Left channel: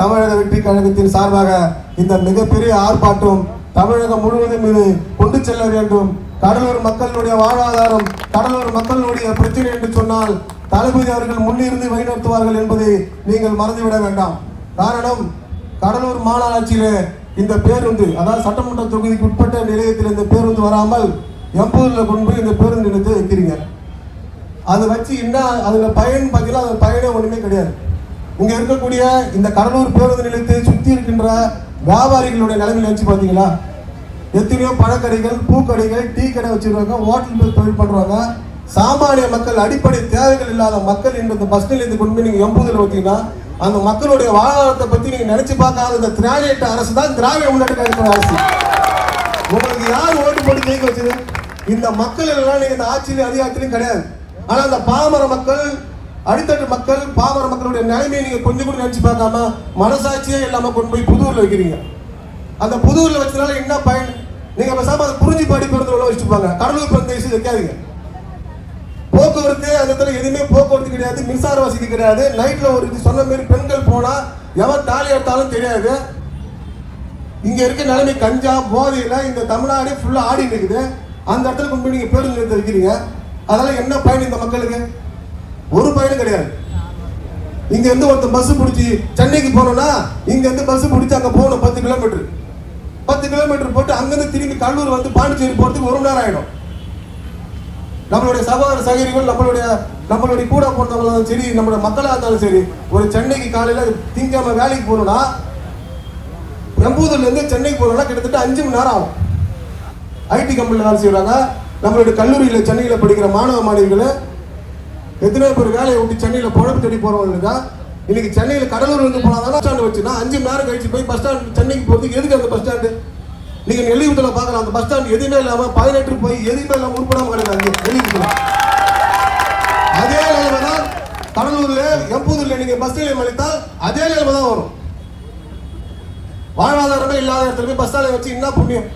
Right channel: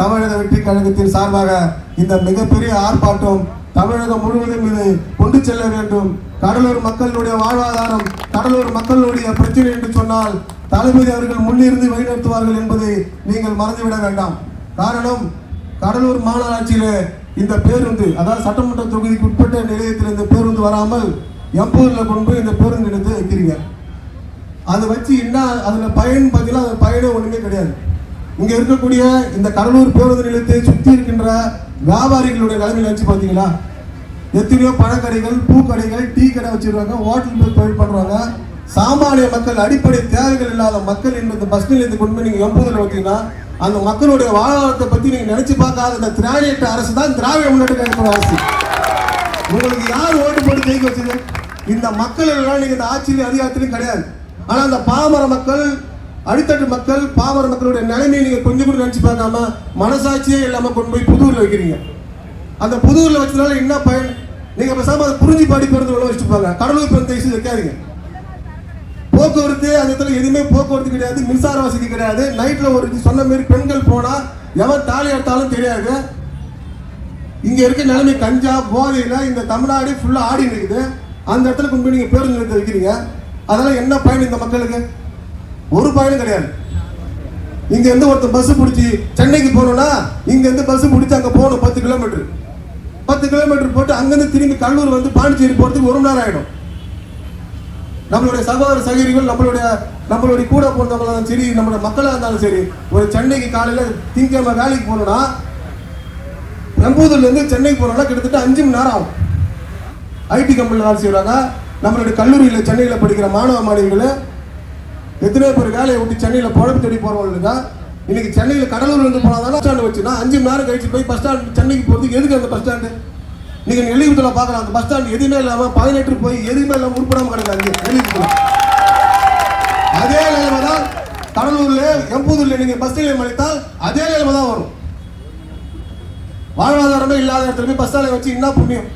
தமிழக வெற்றி கழகத்தின் சார்பாக இந்த மிகப்பெரிய ஆர்ப்பாட்டம் தமிழகம் முழுவதும் இது கொண்டு செல்ல வேண்டும். கடலூர் மக்களுடைய வாழ்வாதாரம், கடலூர் மக்களுடைய பிரச்சனை என்று சொன்னால் தளபதி அவர்கள் முன்னிருந்து வழிநடத்துவார்கள் என்பதை நீங்கள் மறந்துவிட வேண்டாம். காரணம், கடலூர் மாநகராட்சியில இந்த பேருந்து, அதாவது சட்டமன்ற தொகுதிக்கு உட்பட்ட நிலையத்தில் இந்த பேருந்து வராமல் எம்பூர்ல கொண்டு போய் இந்த பேருந்து நிலையத்தை வைக்கிறீங்க. அதை வச்சு என்ன அதுல பயன் பார்த்தீங்கன்னா அது பயனே ஒண்ணுமே கிடையாது. இங்க இருக்கக்கூடிய இந்த கடலூர் பேருந்து நிலையத்தை சுற்றி இருக்கின்ற வியாபாரிகளுடைய நிலைமை நினைச்சு பார்த்தீங்களா? எத்தனையோ பழக்கடைகள், பூக்கடைகள், டீ கடை வச்சிருக்காங்க, ஹோட்டல் தொழில் பண்றாங்க. சாமானிய மக்கள், அடிப்படை தேவைகள் இல்லாத மக்கள் என்பது பஸ் நிலையத்தை கொண்டு போய் நீங்க எம்பூதில் வச்சீங்கன்னா அந்த மக்களுடைய வாழ்வாதாரத்தை பத்தி நீங்க நினைச்சு பார்க்காத இந்த திராவிட அரசு தான் திராவிட முன்னேற்ற கழகத்தின் அரசு. உங்களுக்கு யார் ஓட்டு போட்டு ஜெயிக்க வச்சது? இந்த மக்கள் எல்லாம் நீங்க இந்த ஆட்சியிலும் அதிகாரத்திலும் கிடையாது. ஆனா அந்த பாமர மக்கள், அடித்தட்டு மக்கள், பாமர மக்களுடைய நிலைமையை நீங்க கொஞ்சம் கூட நினைச்சு பார்க்காம மனசாட்சியே இல்லாம கொண்டு போய் புதூர்ல வைக்கிறீங்க. அந்த புதூர்ல வச்சதுனால என்ன பயன்? நீங்க பேசாம அதை புரிஞ்சு படிக்கிறது வச்சுட்டு போங்க. கடலூர் பிரதேசம் வைக்காதீங்க. போக்குவரத்து அந்த இடத்துல எதுவுமே போக்குவரத்து கிடையாது, மின்சார வசதி கிடையாது. நைட்ல ஒரு சொன்ன மாதிரி பெண்கள் போனா எவன் தாலி எடுத்தாலும் தெரியாது. இங்க இருக்க நிலைமை கஞ்சா போதையில இந்த தமிழ்நாடு ஃபுல்லா ஆடி இருக்குது. அந்த இடத்துல கொண்டு நீங்க பேருந்து நிலையத்தை வைக்கிறீங்க. அதனால என்ன பயன் இந்த மக்களுக்கு? ஒரு பயனும் கிடையாது. இங்க இருந்து ஒருத்தர் பஸ் பிடிச்சி சென்னைக்கு போனோம்னா இங்க இருந்து பஸ் பிடிச்சி அங்க போகணும் 10 கிலோமீட்டர். 10 கிலோமீட்டர் போட்டு அங்கிருந்து திரும்பி கடலூர் வந்து பாண்டிச்சேரி போறதுக்கு 1 மணி நேரம் ஆயிடும். நம்மளுடைய சகோதர சகோதரிகள், நம்மளுடைய கூட போனவங்களும் சரி, நம்மளுடைய மக்களாக இருந்தாலும் சரி, ஒரு சென்னைக்கு காலையில திங்கக்கிழமை வேலைக்கு போனோம்னா எம்பூதில் இருந்து சென்னைக்கு போனோம்னா கிட்டத்தட்ட 5 மணி நேரம் ஆகும். ஐடி கம்பெனியில் வேலை செய்வாங்க. நம்மளுடைய கல்லூரியில் சென்னையில் படிக்கிற மாணவ மாணவிகள் எத்தனையோ பேர் வேலையை விட்டு சென்னையில் பொழப்பு தேடி போறவங்க இன்னைக்கு சென்னையில் கடலூர் வந்து போனாதான் பஸ் ஸ்டாண்டு வச்சுன்னா 5 மணி நேரம் கழிச்சு போய் பஸ் ஸ்டாண்ட் சென்னைக்கு போகிறதுக்கு எதுக்கு அந்த பஸ் ஸ்டாண்டு? நீங்க நெல்லிகுத்துல பார்க்கலாம், அந்த பஸ் ஸ்டாண்ட் எதுவுமே இல்லாம 18 போய் எதுவுமே இல்லாம உருப்படாம கிடையாது நெல்லிகுத்துல. அதே நிலைமை தான் கடலூர்ல எம்பூதில் நீங்க பஸ் நிலையம் அழைத்தால் அதே நிலைமை தான் வரும். வாழ்வாதாரமே இல்லாத இடத்துல போய் பஸ் ஸ்டாண்டை வச்சு என்ன புண்ணியம்?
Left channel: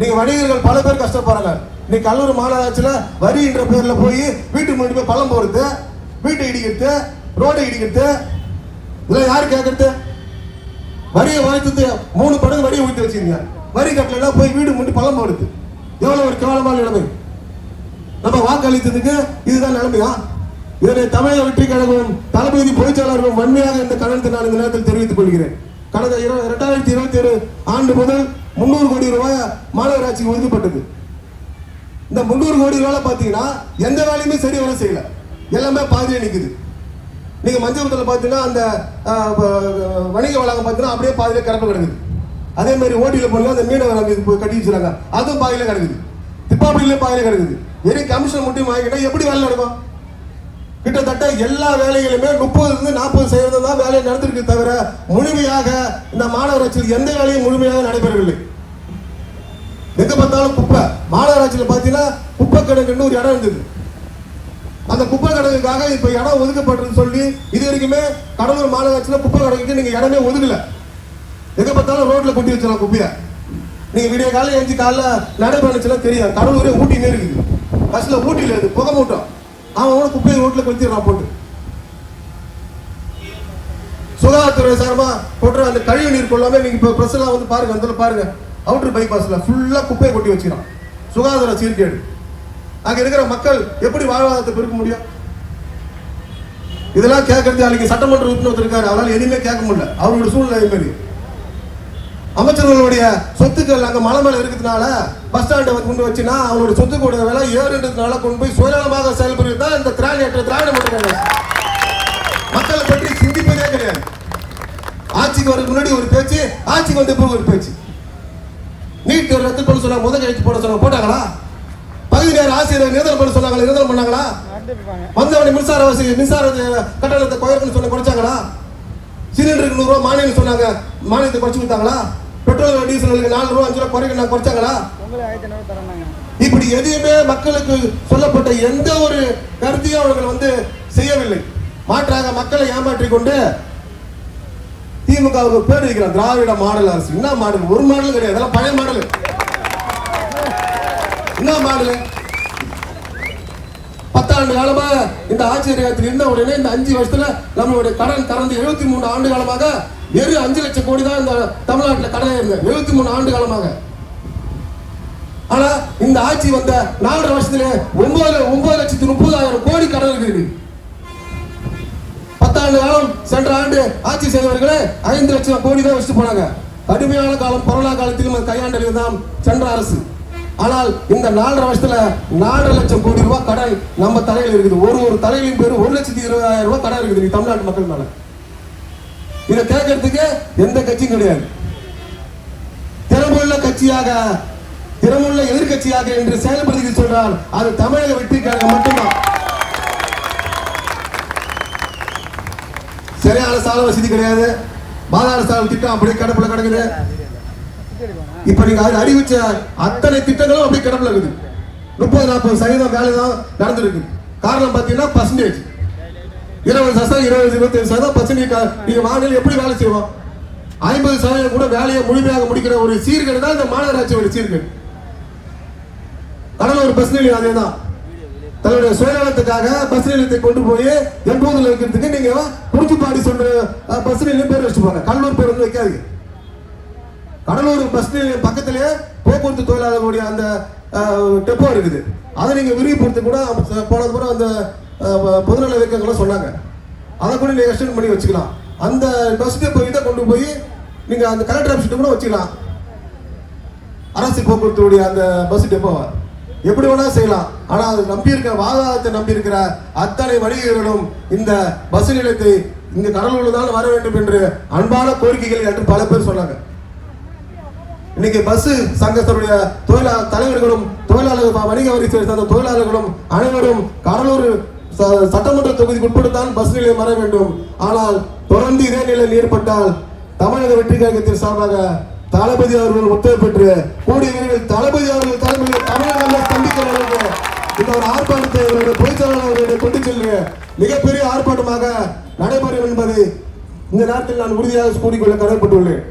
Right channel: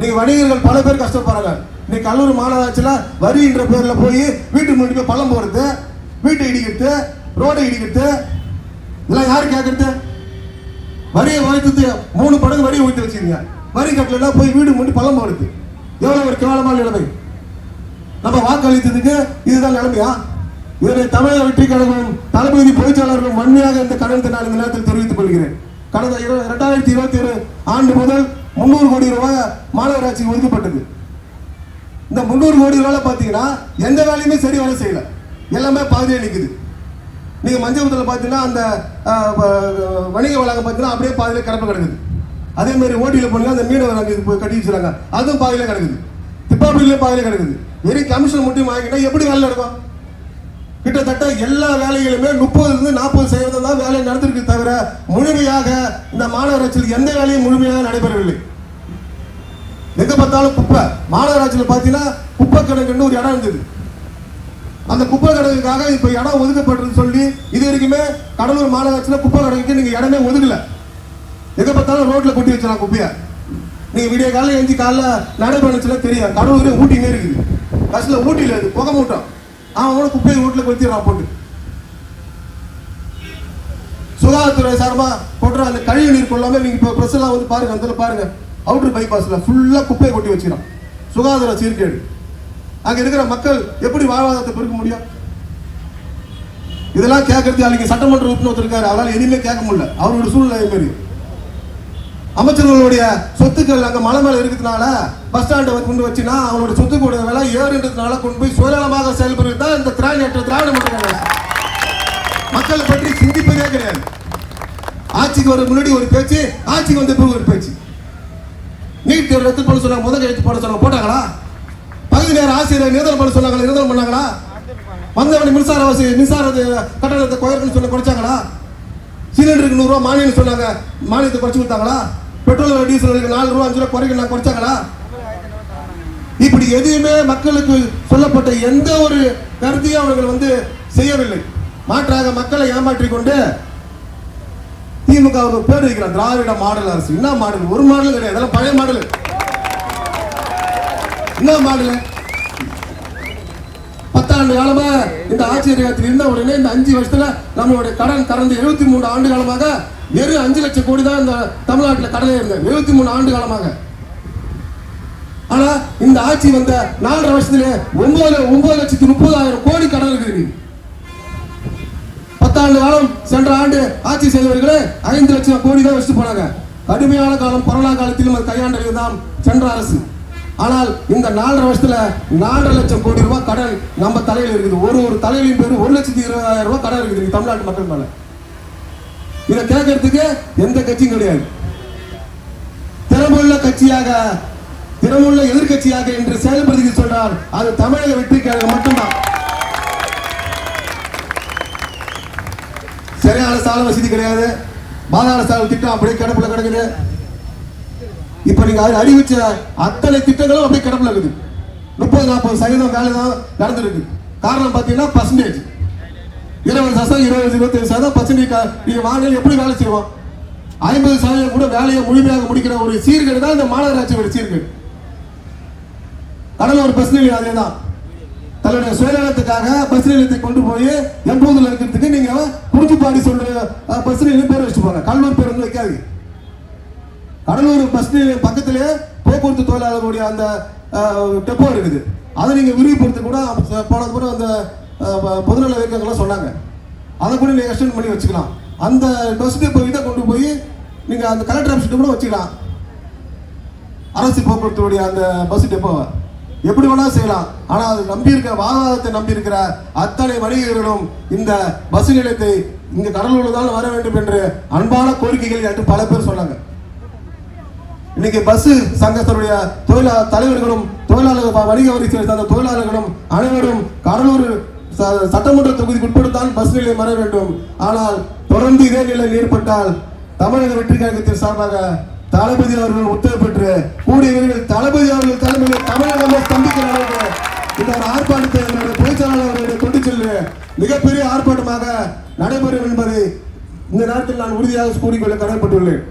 நீங்க வணிகர்கள் பல பேர் கஷ்டப்படுறாங்க. இன்னைக்கு கடலூர் மாநகராட்சியில வரின்ற பேர்ல போய் வீட்டுக்கு முன்னாடி போய் பள்ளம் போறது, வீட்டை இடிக்கிறது, ரோடை இடிக்கிறது, இதெல்லாம் யாரு கேட்கறது? வரியை உயர்த்து 3 படகு வரியை ஊற்றி வச்சிருங்க. வரி கட்டலாம் போய் வீடு முன்னாடி பள்ளம் போடுது. எவ்வளவு ஒரு கேவலமான நிலைமை. நம்ம வாக்களித்ததுக்கு இதுதான் நிலைமையா? இதனை தமிழக வெற்றி கழகம் தளபதி பொதுச்செயலாளர்கள் வன்மையாக இந்த கண்டனத்தை நான் இந்த நேரத்தில் தெரிவித்துக் கொள்கிறேன். கடந்த 2021 ஆண்டு முதல் 300 கோடி ரூபாய் மாநகராட்சிக்கு ஒதுக்கப்பட்டது. இந்த 300 கோடி ரூபாய் பாத்தீங்கன்னா எந்த வேலையுமே சரி வேலை செய்யல, எல்லாமே பாதியே நிக்குது. நீங்க மஞ்சள் பாத்தீங்கன்னா அந்த வணிக வளாகம் பாத்தீங்கன்னா அப்படியே பாதியில கிடப்பு கிடக்குது. அதே மாதிரி ஓட்டியில போனா அந்த மீனவ கட்டி வச்சிருக்காங்க, அதுவும் பாதியில கிடக்குது. திப்பாப்பள்ளியில பாதியில கிடக்குது. வெறும் கமிஷன் மட்டும் வாங்கினா எப்படி வேலை நடக்கும்? கிட்டத்தட்ட எல்லா வேலைகளுமே 30-40% தான் வேலை நடந்திருக்கு தவிர முழுமையாக இந்த மாநகராட்சியில் எந்த வேலையும் முழுமையாக நடைபெறவில்லை. எங்க பார்த்தாலும் குப்பை. மாநகராட்சியில் பாத்தீங்கன்னா குப்பை கணக்குன்னு ஒரு இடம் இருந்தது. அந்த குப்பை கணக்குக்காக இப்ப இடம் ஒதுக்கப்பட்டது சொல்லி இது வரைக்குமே கடலூர் மாநகராட்சியில் குப்பை கணக்குக்கு நீங்க இடமே ஒதுக்கல. எங்க பார்த்தாலும் ரோட்ல கொட்டி வச்சிடலாம் குப்பையா. நீங்க விடிய காலையில் எழுந்து காலையில் நடைபெறச்சுன்னா தெரியும். கடலூரே ஊட்டிலே இருக்குது. பஸ்ல ஊட்டில இருக்கு புகை மூட்டம். அவன் குப்பையை ரோட்ல கொளுத்திடுறான் போட்டு. சுகாதாரத்துறை சார்பா போட்டுற அந்த கழிவு நீர் கொள்ளாம நீங்க இப்ப பிரஸ் எல்லாம் வந்து பாருங்க, அந்த பாருங்க அவுட்டர் பைபாஸ்ல ஃபுல்லா குப்பையை கொட்டி வச்சிடறான். சுகாதார சீர்கேடு. அங்க இருக்கிற மக்கள் எப்படி வாழ்வாதாரத்தை பெருக்க முடியும்? இதெல்லாம் கேட்கறது அன்னைக்கு சட்டமன்ற உறுப்பினர் இருக்காரு, அவரால் எதுவுமே கேட்க முடியல. அவருடைய சூழ்நிலை மாரி அமைச்சர்களுடைய சொத்துக்கள் அங்க மலை மேல இருக்கிறதுனால பஸ் ஸ்டாண்டை கொண்டு வச்சுன்னா அவங்களுடைய சொத்துக்களுடைய விலை ஏறுன்றதுனால கொண்டு போய் சுயநலமாக செயல்படுறது தான் இந்த திராவிட முன்னேற்ற. மக்களை பற்றி சிந்திப்பதே கிடையாது. ஆட்சிக்கு வர முன்னாடி ஒரு பேச்சு, ஆட்சிக்கு வந்த பிறகு ஒரு பேச்சு. நீட் ரத்து பண்ண சொன்னாங்க, முதல் கையெழுத்து போட சொன்னாங்க, போட்டாங்களா? பகுதி நேர ஆசிரியர் நிரந்தரம் பண்ண சொன்னாங்களா, நிரந்தரம் பண்ணாங்களா? வந்தவனி மின்சார கட்டணத்தை குறைக்கணும்னு சொல்லி குறைச்சாங்களா? சிலிண்டருக்கு 100 ரூபாய் மானியம் சொன்னாங்க, மானியத்தை குறைச்சு கொடுத்தாங்களா? பெட்ரோல் டீசலுக்கு 4 ரூபாய் 5 ரூபாய் குறைக்க குறைச்சாங்களா? இப்படி எதுவுமே மக்களுக்கு சொல்லப்பட்ட எந்த ஒரு கருத்தையும் அவர்கள் செய்யவில்லை. மாற்றாக மக்களை ஏமாற்றிக் கொண்டு திமுக பேர் வைக்கிறார் திராவிட மாடல் அரசு. என்ன மாடல்? ஒரு மாடல் கிடையாது, அதெல்லாம் பழைய மாடல். என்ன மாடல்? 10 ஆண்டு காலமாக இந்த ஆட்சியரகத்தில் இருந்த உடனே இந்த 5 வருஷத்துல நம்மளுடைய கடன் கடந்த 73 ஆண்டு காலமாக வெறும் 5 லட்சம் கோடி தான் இந்த தமிழ்நாட்டில் கடன் இருந்தது 73 ஆண்டு காலமாக. ஆனா இந்த ஆட்சி வந்த 4.5 வருஷத்துல 9,30,000 கோடி கடன் இருக்குது. 10 ஆண்டு காலம் சென்ற ஆண்டு ஆட்சி செய்தவர்களே 5 லட்சம் கோடி தான் வச்சுட்டு போனாங்க. கடுமையான காலம் கொரோனா காலத்திலும் கையாண்டது தான் சென்ற அரசு. ஆனால் இந்த 4.5 வருஷத்துல 4 லட்சம் கோடி ரூபாய் கடன் நம்ம தலையில் இருக்குது. ஒரு தலையிலும் பேரு 1,20,000 ரூபாய் கடன் இருக்குது தமிழ்நாட்டு மக்கள் மேல. இதை கேட்கறதுக்கு எந்த கட்சியும் கிடையாது. திறமுள்ள கட்சியாக திறமுள்ள எதிர்கட்சியாக என்று செயல்படுத்தி சொன்னால் அது தமிழக வெற்றிக்காக மட்டும்தான். சரியான சாலை வசதி கிடையாது. பாதாள சாலை திட்டம் அப்படியே கிடப்புல கிடக்குது. இப்ப நீங்க அறிவிச்ச அத்தனை திட்டங்களும் அப்படியே கிடப்புல இருக்குது. 30-40% வேலை தான் நடந்துருக்கு. காரணம் பாத்தீங்கன்னா பர்சன்டேஜ் 20%, 20-25% நீங்க வாங்க எப்படி வேலை செய்வோம். 50% கூட வேலையை முழுமையாக முடிக்கிற ஒரு சீர்கேடு தான் இந்த மாநகராட்சியோட சீர்கேடு. கடலூர் பஸ் நிலையம் அதே தான். தன்னுடைய சுயநலத்துக்காக பஸ் நிலையத்தை கொண்டு போய் எப்போதுல இருக்கிறதுக்கு நீங்க குறிச்சிப்பாடி சொல்ற பஸ் நிலையம் பேர் வச்சுப்பாங்க. கடலூர் பேர் வந்து வைக்காது. கடலூர் பஸ் நிலையம் பக்கத்திலே போக்குவரத்து தொழிலாளர்களுடைய அந்த டெப்போ இருக்குது. அதை நீங்க விரிவுபடுத்தி கூட போனது கூட அந்த பொதுநல இயக்கங்கள்லாம் சொன்னாங்க. அதை கூட நீங்க எக்ஸ்டெண்ட் பண்ணி வச்சுக்கலாம். அந்த பஸ் டெப்போ இதை கொண்டு போய் நீங்க அந்த கலெக்டர் ஆஃபீஸ் கூட வச்சுக்கலாம். அரசு போக்குவரத்துடைய அந்த பஸ் டெப்போவை எப்படி வேணா செய்யலாம். ஆனா அது நம்பி இருக்கிற வாகனத்தை நம்பி இருக்கிற அத்தனை வணிகர்களும் இந்த பஸ் நிலையத்தை இங்க கடலூர்ல தான் வர வேண்டும் என்று அன்பான கோரிக்கைகள் என்று பல பேர் சொன்னாங்க. இன்னைக்கு பஸ் சங்கத்தினுடைய தலைவர்களும் தொழிலாளர்கள் வணிக வரி சேர்ந்த தொழிலாளர்களும் அனைவரும் கடலூர் சட்டமன்ற தொகுதிக்கு உட்படுத்தான் பஸ் நிலையம் வர வேண்டும். ஆனால் தொடர்ந்து இதே நிலையில் ஏற்பட்டால் தமிழக வெற்றி கழகத்தின் சார்பாக தளபதி அவர்கள் உத்தரவு பெற்று கூடிய விரைவில் தளபதி அவர்கள் தலைமையில் தமிழகமே ஸ்தம்பிக்கிற அளவுக்கு இந்த ஒரு ஆர்ப்பாட்டத்தை பொதுச்செயலாளர்களுடைய கொண்டு செல்ல மிகப்பெரிய ஆர்ப்பாட்டமாக நடைபெறும் என்பதை இந்த நேரத்தில் நான் உறுதியாக கூறிக்கொள்ள கடமைப்பட்டுள்ளேன்.